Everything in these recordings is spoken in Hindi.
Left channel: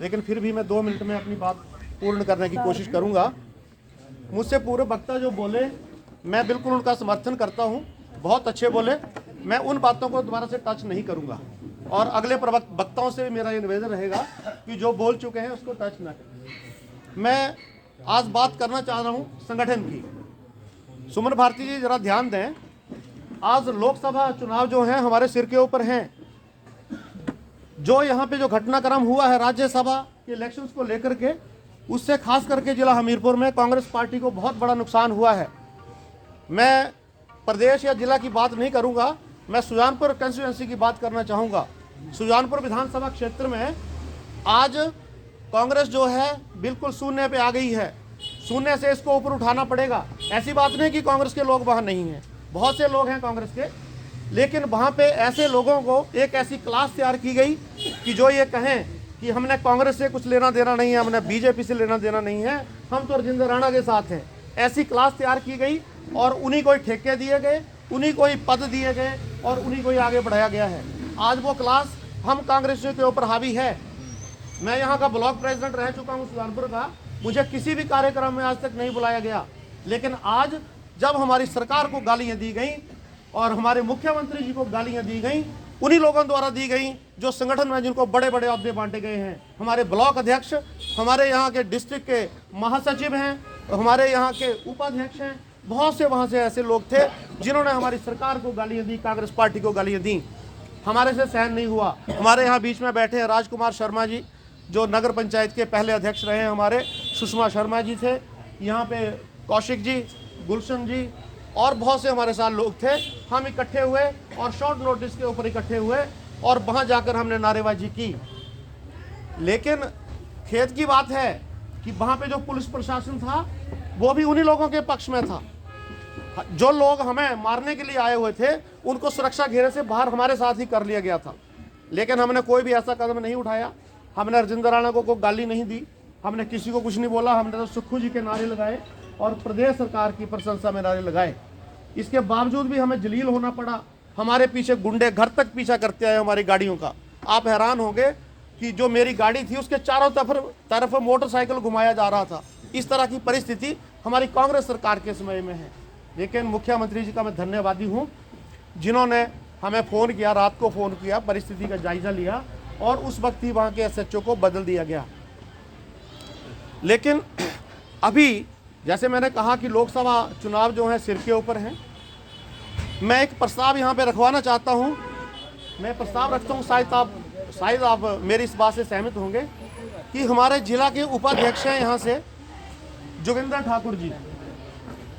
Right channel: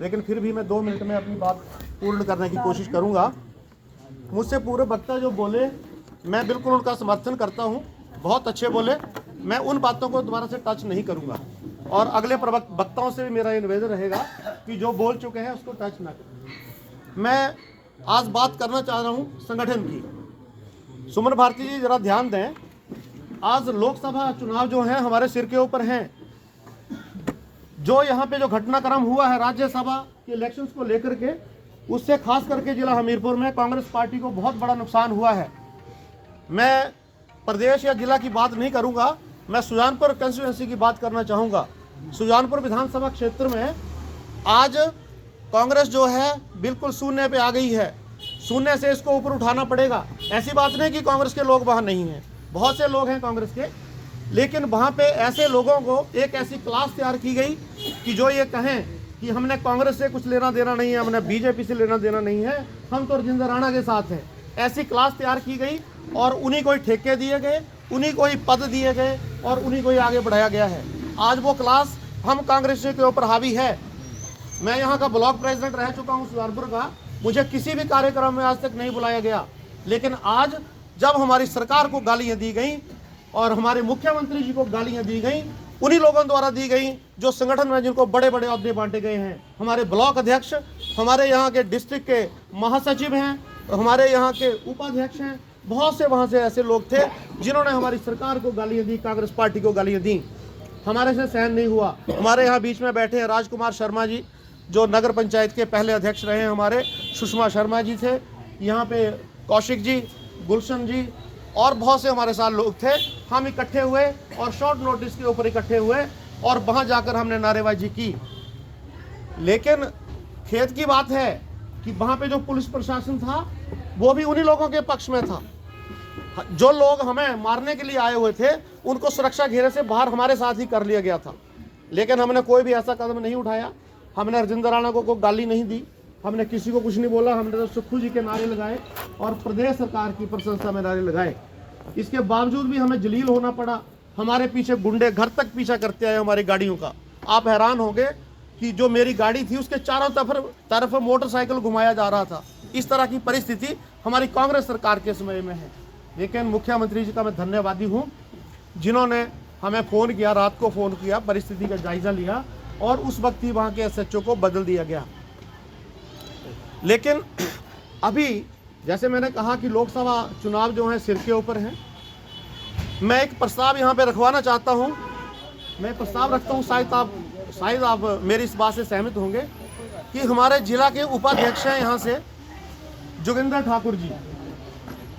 लेकिन फिर भी मैं 2 मिनट में अपनी बात पूर्ण करने की कोशिश करूंगा। मुझसे पूर्व वक्ता जो बोले, मैं बिल्कुल उनका समर्थन करता हूं, बहुत अच्छे बोले। मैं उन बातों को दोबारा से टच नहीं करूंगा और अगले वक्ताओं से भी मेरा ये निवेदन रहेगा कि जो बोल चुके हैं उसको टच ना करें। मैं आज बात करना चाह रहा हूं संगठन की। सुमन भारती जी जरा ध्यान दें, आज लोकसभा चुनाव जो है हमारे सिर के ऊपर हैं। जो यहाँ पे जो घटनाक्रम हुआ है राज्यसभा के इलेक्शंस को लेकर के, उससे खास करके जिला हमीरपुर में कांग्रेस पार्टी को बहुत बड़ा नुकसान हुआ है। मैं प्रदेश या जिला की बात नहीं करूंगा, मैं सुजानपुर कंस्टिट्यूएंसी की बात करना चाहूँगा। सुजानपुर विधानसभा क्षेत्र में आज कांग्रेस जो है बिल्कुल शून्य पे आ गई है। शून्य से इसको ऊपर उठाना पड़ेगा। ऐसी बात नहीं कि कांग्रेस के लोग वहाँ नहीं हैं, बहुत से लोग हैं कांग्रेस के, लेकिन वहाँ पे ऐसे लोगों को एक ऐसी क्लास तैयार की गई कि जो ये कहें कि हमने कांग्रेस से कुछ लेना देना नहीं है, हमने बीजेपी से लेना देना नहीं है, हम तो राजेंद्र राणा के साथ हैं। ऐसी क्लास तैयार की गई और उन्हीं को ही ठेके दिए गए, उन्हीं को ही पद दिए गए और उन्हीं को ही आगे बढ़ाया गया है। आज वो क्लास हम कांग्रेसियों के ऊपर हावी है। मैं यहाँ का ब्लॉक प्रेसिडेंट रह चुका हूँ सुजानपुर का, मुझे किसी भी कार्यक्रम में आज तक नहीं बुलाया गया, लेकिन आज जब हमारी सरकार को गालियाँ दी गई और हमारे मुख्यमंत्री जी को गालियाँ दी गई, उन्हीं लोगों द्वारा दी गई जो संगठन में जिनको बड़े बड़े अहदे बांटे गए हैं। हमारे ब्लॉक अध्यक्ष, हमारे यहाँ के डिस्ट्रिक्ट के महासचिव हैं, हमारे यहाँ के उपाध्यक्ष हैं, बहुत से वहाँ से ऐसे लोग थे जिन्होंने हमारी सरकार को गालियाँ दी, कांग्रेस पार्टी को गालियाँ दी। हमारे से सहन नहीं हुआ। हमारे यहाँ बीच में बैठे हैं राजकुमार शर्मा जी, जो नगर पंचायत के पहले अध्यक्ष रहे हैं, हमारे सुषमा शर्मा जी थे, यहाँ पे कौशिक जी, गुलशन जी और बहुत से हमारे साथ लोग थे। हम इकट्ठे हुए और शॉर्ट नोटिस के ऊपर इकट्ठे हुए और वहाँ जाकर हमने नारेबाजी की। लेकिन खेद की बात है कि वहाँ पे जो पुलिस प्रशासन था वो भी उन्हीं लोगों के पक्ष में था। जो लोग हमें मारने के लिए आए हुए थे उनको सुरक्षा घेरे से बाहर हमारे साथ ही कर लिया गया था। लेकिन हमने कोई भी ऐसा कदम नहीं उठाया। हमने राजेंद्र राणा को कोई गाली नहीं दी, हमने किसी को कुछ नहीं बोला। हमने तो सुक्खू जी के नारे लगाए और प्रदेश सरकार की प्रशंसा में नारे लगाए। इसके बावजूद भी हमें जलील होना पड़ा। हमारे पीछे गुंडे घर तक पीछा करते आए हमारी गाड़ियों का। आप हैरान होंगे कि जो मेरी गाड़ी थी उसके चारों तरफ मोटरसाइकिल घुमाया जा रहा था। इस तरह की परिस्थिति हमारी कांग्रेस सरकार के समय में है। लेकिन मुख्यमंत्री जी का मैं धन्यवादी हूँ जिन्होंने हमें फ़ोन किया, रात को फ़ोन किया, परिस्थिति का जायज़ा लिया और उस वक्त ही वहाँ के एसएचओ को बदल दिया गया। लेकिन अभी जैसे मैंने कहा कि लोकसभा चुनाव जो है सिर के ऊपर हैं, मैं एक प्रस्ताव यहाँ पे रखवाना चाहता हूँ। मैं प्रस्ताव रखता हूँ, शायद आप मेरी इस बात से सहमत होंगे कि हमारे जिला के उपाध्यक्ष हैं यहाँ से जोगिंदर ठाकुर जी,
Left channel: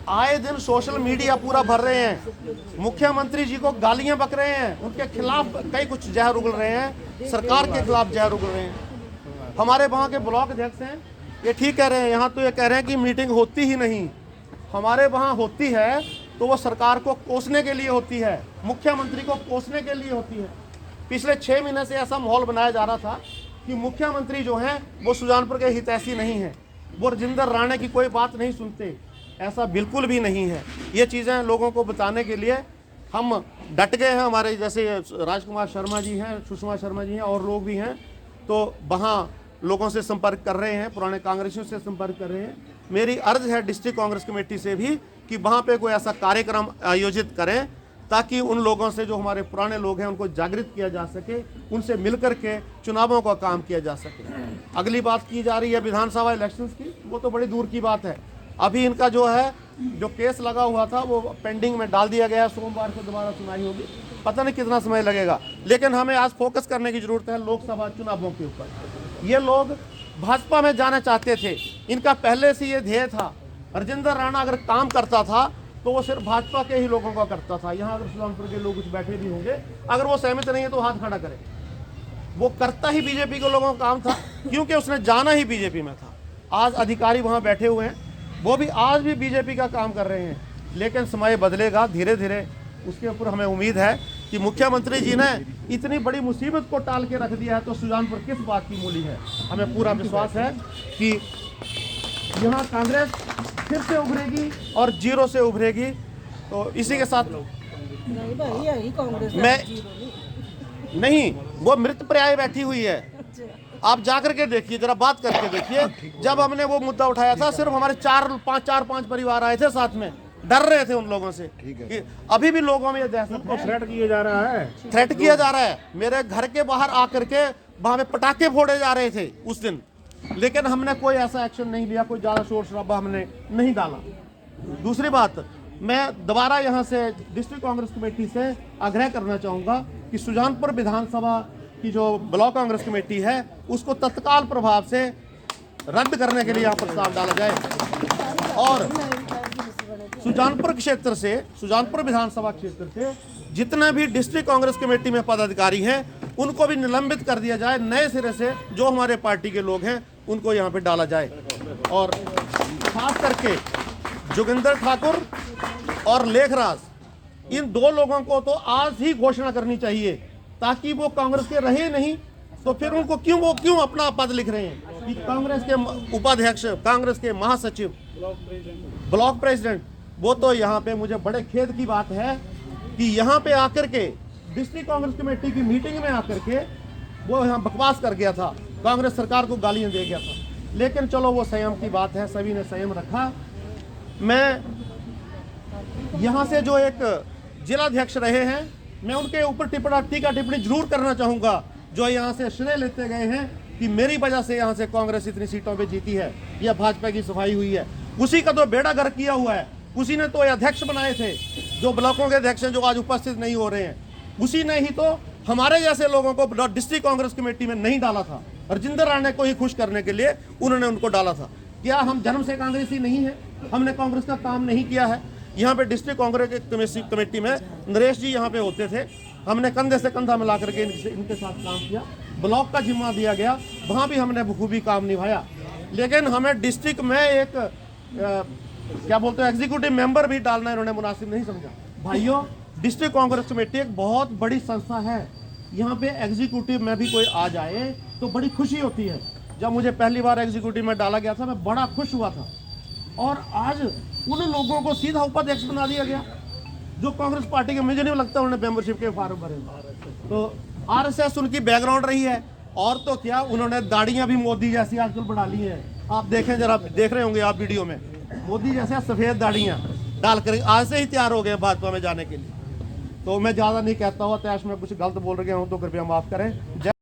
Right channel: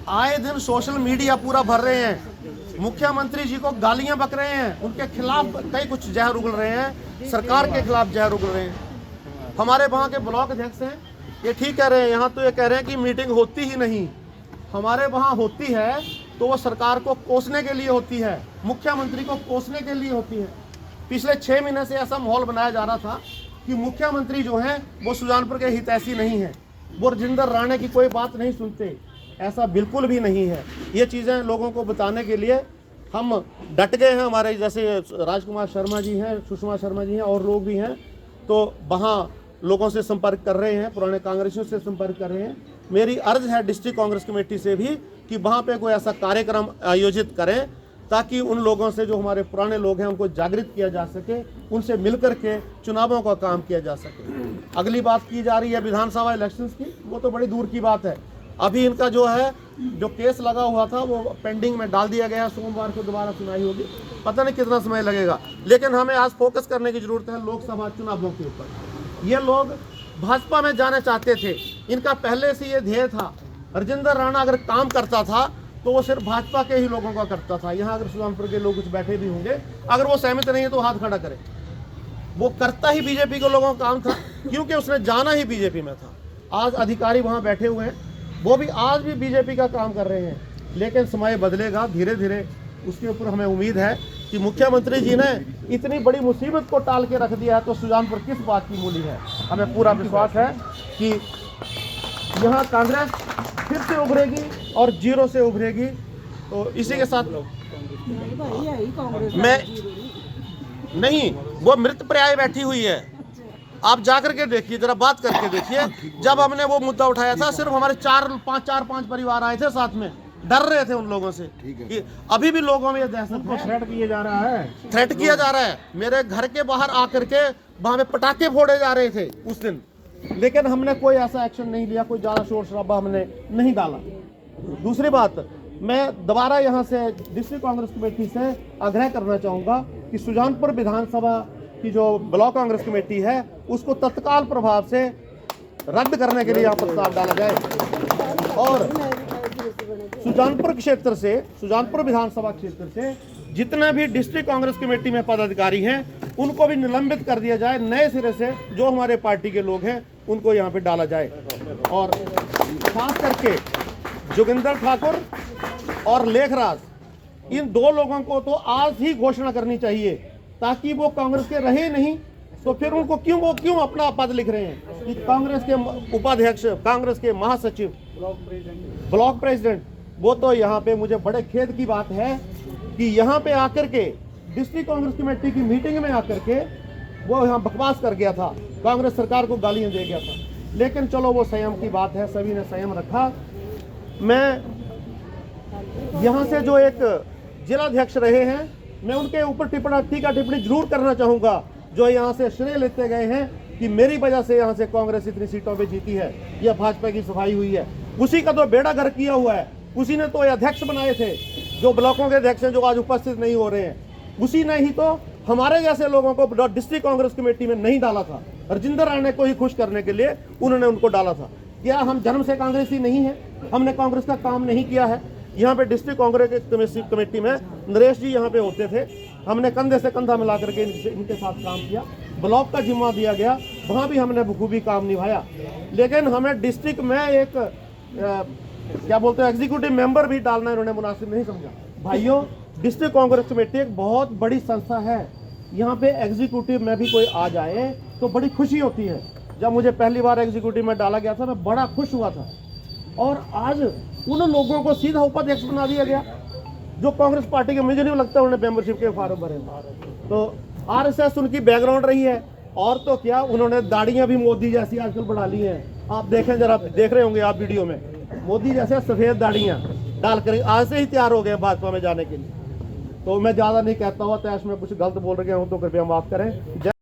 आए दिन सोशल मीडिया पूरा भर रहे हैं, मुख्यमंत्री जी को गालियां बक रहे हैं, उनके खिलाफ कई कुछ जहर उगल रहे हैं, सरकार के खिलाफ जहर उगल रहे हैं। हमारे वहाँ के ब्लॉक अध्यक्ष हैं, ये ठीक कह रहे हैं, यहाँ तो ये कह रहे हैं कि मीटिंग होती ही नहीं। हमारे वहाँ होती है तो वो सरकार को कोसने के लिए होती है, मुख्यमंत्री को कोसने के लिए होती है। पिछले 6 महीने से ऐसा माहौल बनाया जा रहा था कि मुख्यमंत्री जो हैं वो सुजानपुर के हितैषी नहीं है, वो राजेंद्र राणा की कोई बात नहीं सुनते। ऐसा बिल्कुल भी नहीं है। ये चीज़ें लोगों को बताने के लिए हम डट गए हैं। हमारे जैसे राजकुमार शर्मा जी हैं, सुषमा शर्मा जी हैं और लोग भी हैं, तो वहाँ लोगों से संपर्क कर रहे हैं, पुराने कांग्रेसियों से संपर्क कर रहे हैं। मेरी अर्ज है डिस्ट्रिक्ट कांग्रेस कमेटी से भी कि वहाँ पे कोई ऐसा कार्यक्रम आयोजित करें ताकि उन लोगों से, जो हमारे पुराने लोग हैं, उनको जागृत किया जा सके, उनसे मिलकर के चुनावों का काम किया जा सके। अगली बात की जा रही है विधानसभा इलेक्शंस की, वो तो बड़ी दूर की बात है। अभी इनका जो है जो केस लगा हुआ था वो पेंडिंग में डाल दिया गया है, सोमवार को दोबारा सुनवाई होगी, पता नहीं कितना समय लगेगा। लेकिन हमें आज फोकस करने की जरूरत है लोकसभा चुनावों के ऊपर। ये लोग भाजपा में जाना चाहते थे, इनका पहले से ये ध्येय था। राजेंद्र राणा अगर काम करता था तो वो सिर्फ भाजपा के ही लोगों का करता था। यहाँ अगर सुजानपुर के लोग कुछ बैठे भी होंगे, अगर वो सहमत नहीं है तो हाथ खड़ा करें। वो करता ही बीजेपी के लोगों का काम था, क्योंकि उसने जाना ही बीजेपी में था। आज अधिकारी वहाँ बैठे हुए हैं, वो भी आज भी बीजेपी का काम कर रहे हैं। लेकिन समय बदलेगा धीरे धीरे, उसके ऊपर हमें उम्मीद है कि मुख्यमंत्री जी ने इतनी बड़ी मुसीबत को टाल के रख दिया है, तो सुजानपुर किस बात की मूली है। हमें पूरा विश्वास है कि यहाँ कांग्रेस फिर से उभरेगी और जीरो से उभरेगी। तो इसी के साथ मैं नहीं, वो मृत प्राय बैठी हुई है। आप जाकर के देखिए, जरा बात करके देखिए। जब हमने वो मुद्दा उठाया था, सिर्फ हमारे चार पांच परिवार आए थे साथ में, डर रहे थे उन लोगों से कि अभी भी लोगों में ये दहशत को थ्रेट किया जा रहा है, थ्रेट किया जा रहा है। मेरे घर के बाहर आकर के वहां पे पटाखे फोड़े जा रहे थे उस दिन, लेकिन हमने कोई ऐसा एक्शन नहीं लिया, कोई ज्यादा शोर शराबा हमने नहीं डाला। दूसरी बात, मैं दोबारा यहाँ से डिस्ट्रिक्ट कांग्रेस कमेटी से आग्रह करना चाहूँगा कि सुजानपुर विधानसभा की जो ब्लॉक कांग्रेस कमेटी है उसको तत्काल प्रभाव से रद्द करने के लिए यहाँ प्रस्ताव डाला जाए, और सुजानपुर क्षेत्र से, सुजानपुर विधानसभा क्षेत्र से जितना भी डिस्ट्रिक्ट कांग्रेस कमेटी में पदाधिकारी हैं उनको भी निलंबित कर दिया जाए। नए सिरे से जो हमारे पार्टी के लोग हैं उनको यहाँ पे डाला जाए, और खास करके जोगिंदर ठाकुर और लेखराज, इन दो लोगों को तो आज ही घोषणा करनी चाहिए, ताकि वो कांग्रेस के रहे नहीं तो फिर उनको क्यों अपना पद लिख रहे हैं कि कांग्रेस के उपाध्यक्ष, कांग्रेस के महासचिव, ब्लॉक प्रेसिडेंट। वो तो यहाँ पे मुझे बड़े खेद की बात है कि यहाँ पे आकर के डिस्ट्रिक्ट कांग्रेस कमेटी की मीटिंग में आकर के वो यहाँ बकवास कर गया था, कांग्रेस सरकार को गालियां दे गया था। लेकिन चलो वो संयम की बात है, सभी ने संयम रखा। मैं यहाँ से जो एक जिलाध्यक्ष रहे हैं, मैं उनके ऊपर टिप्पणी जरूर करना चाहूँगा, जो यहाँ से श्रेय लेते गए हैं कि मेरी वजह से यहाँ से कांग्रेस इतनी सीटों पे जीती है या भाजपा की सफाई हुई है। उसी का तो बेड़ा गर्क किया हुआ है, उसी ने तो अध्यक्ष बनाए थे, जो ब्लॉकों के अध्यक्ष हैं जो आज उपस्थित नहीं हो रहे हैं, उसी ने ही तो हमारे जैसे लोगों को डिस्ट्रिक्ट कांग्रेस कमेटी में नहीं डाला था। राजेंद्र राणे को ही खुश करने के लिए उन्होंने उनको डाला था। क्या हम जन्म से कांग्रेसी नहीं है? हमने कांग्रेस का काम नहीं किया है? यहाँ पे डिस्ट्रिक्ट कांग्रेस कमेटी में नरेश जी यहाँ पे होते थे, हमने कंधे से कंधा मिला करके इनके साथ काम किया। ब्लॉक का जिम्मा दिया गया, वहाँ भी हमने बखूबी काम निभाया। लेकिन हमें डिस्ट्रिक्ट में एक क्या बोलते हैं एग्जीक्यूटिव मेंबर भी डालना इन्होंने मुनासिब नहीं समझा। भाइयों, डिस्ट्रिक्ट कांग्रेस कमेटी एक बहुत बड़ी संस्था है, यहाँ पे एग्जीक्यूटिव में भी कोई आ जाए तो बड़ी खुशी होती है। जब मुझे पहली बार एग्जीक्यूटिव में डाला गया था, मैं बड़ा खुश हुआ था, और आज उन लोगों को सीधा उपाध्यक्ष बना दिया गया जो कांग्रेस पार्टी के, मुझे नहीं लगता उन्होंने मेंबरशिप के फॉर्म भरे। तो आरएसएस उनकी बैकग्राउंड रही है, और तो क्या, उन्होंने दाढ़ियां भी मोदी जैसी आजकल बढ़ा ली हैं। आप देखें, जरा देख रहे होंगे आप वीडियो में, मोदी जैसे सफेद दाढ़ियां डालकर आज से ही तैयार हो गए भाजपा में जाने के लिए। तो मैं ज्यादा नहीं कहता हुआ, तैश में कुछ गलत बोल रहे हूँ तो कृपया माफ करें।